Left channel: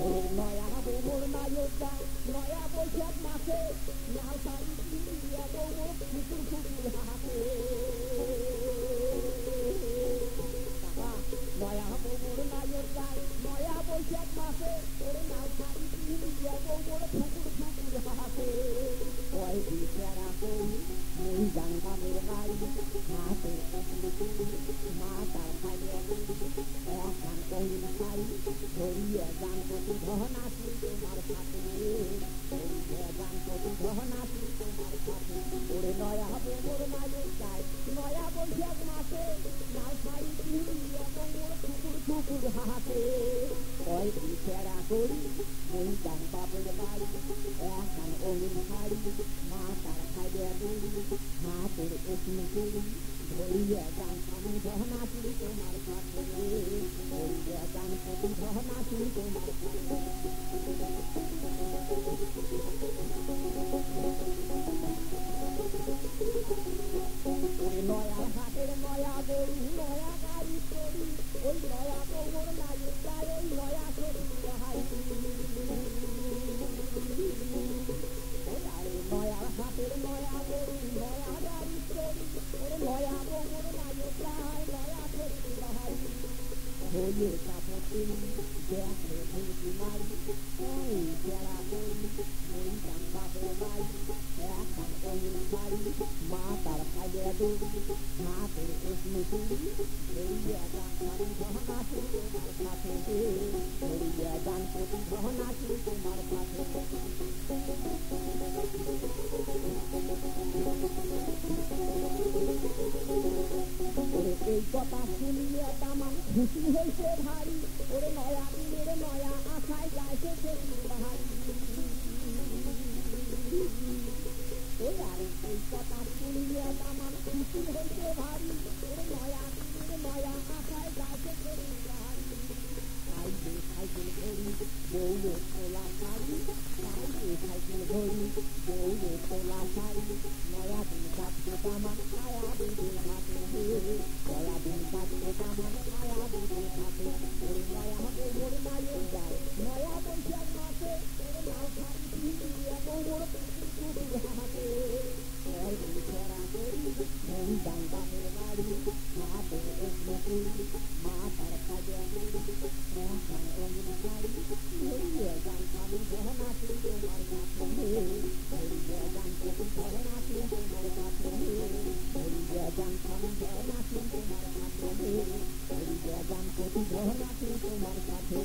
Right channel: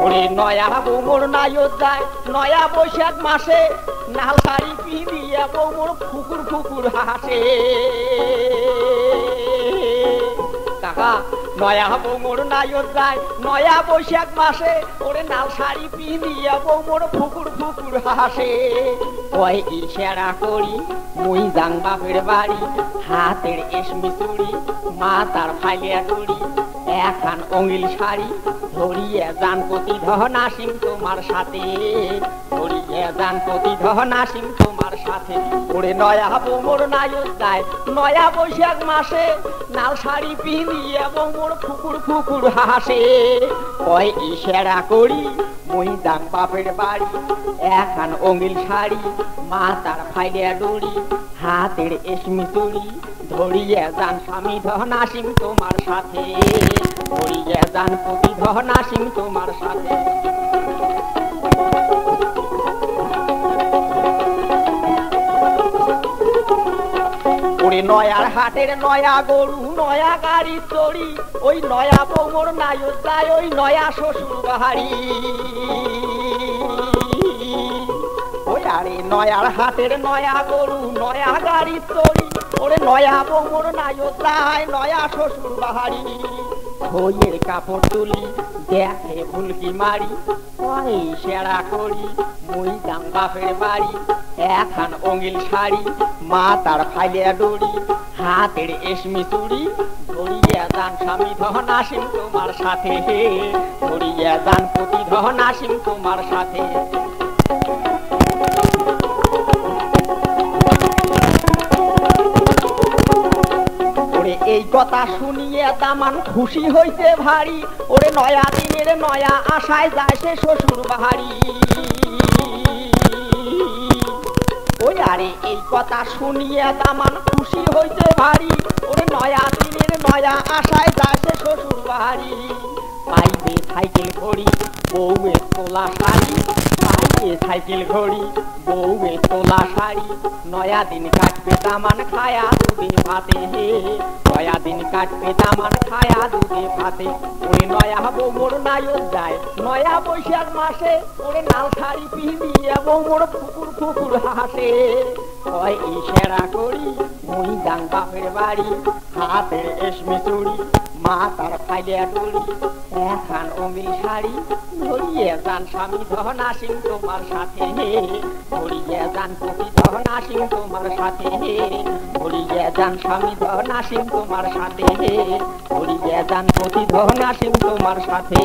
ওরে নয়া বৌমোর নায়ক যায় নয়া বৈশাখ মাসে লাল শাড়ি পিঁধিয়া বৌমোর ফুকুর ফুকুর হাসে কাকা নয়া বৌমোর নায়ক যায় নয়া বৈশাখ মাসে ওরে লাল শাড়ি পিঁধিয়া বৌমোর ফুকুর ফুকুর হাসে কয় ইশারা করি মুই যাং বাপের বাড়ি হাতের এসমি চুড়ি মা তার ফাইলিয়া করি এখন অঙ্গিল শাড়ি ধরিয়ে যান প্রতিধন আসিম তোমার সাথে ধরিয়ে যান প্রতিধন আসিম তোমার সাথে ওরে নয়া বৌমোর নায়ক যায় নয়া বৈশাখ মাসে লাল শাড়ি পিঁধিয়ে বৌমোর ফুকুর ফুকুর হাসে কয় ইশারা করি মুই যাং বাপের বাড়ি এখন অঙ্গিল শাড়ি মা তার ফাইলিয়া ডুড়ি হাতের এসমি চুড়ি ধরিয়ে যান স্বামী ধন আসিম তোমার সাথে ধরিয়ে যান প্রতিধন আসিম তোমার সাথে ওরে নয়ার হাটের নয়া গরু নয়া গাড়ি চড়ি ওই নয়া বৌমোর নায়ক যায় ওই নয়া শ্বশুর বাড়ি ওই আরে নয়ার হাটের নয়া গরু নয়া গাড়ি চড়ি ওরে নয়া বৌমোর নায়ক যায় নয়া শ্বশুর বাড়ি বইয়ের কাপড় তুলি দেখে ফুলকি মারি ওই সেরা করি মুই যাং বাপের বাড়ি এখন অঙ্গিল শাড়ি মা তার ফাইলিয়া ডুড়ি হাতের এসমি চুড়ি ধরিয়ে যান স্বামী ধন আসিম তোমার সাথে ধরিয়ে যান প্রতিধন আসিম তোমার সাথে এই কথা শুনিয়ে দামান খুশি হইতে ভারী ওরে নয়া দিনের নয়া আশায় যায় সে শ্বশুর বাড়ি ওই আরে এই কথা শুনিয়ে দামান খুশি হইতে ভারী ওরে নয়া দিনের নয়া আশায় যায় সে শ্বশুর বাড়ি পাইবে সাইকেল ঘড়ি বউয়ে তোলা শাড়ি পাইবে সাইকেল ঘড়ি বউয়ে তোলা শাড়ি নয়া দিন কাটবে দামান খায়া দুধে ভাতে নয়া দিন কাটবে দামান খায়া দুধে ভাতে ওরে নয়া বৌমোর নায়ক যায় নয়া বৈশাখ মাসে ওরে লাল শাড়ি পিঁধিয়ে বৌমোর ফুকুর ফুকুর হাসে কয় ইশারা করি মুই যাং বাপের বাড়ি হাতের এসমি চুড়ি মা তার ফাইলিয়া ডুড়ি এখন অঙ্গিল শাড়ি ধরিয়ে যান স্বামী ধন আসিম তোমার সাথে ধরিয়ে যান প্রতিধন আসিম তোমার সাথে ধরিয়ে যান স্বামী ধন আসিম তোমার সাথে ধরিয়ে যান প্রতিধন আসিম তোমার সাথে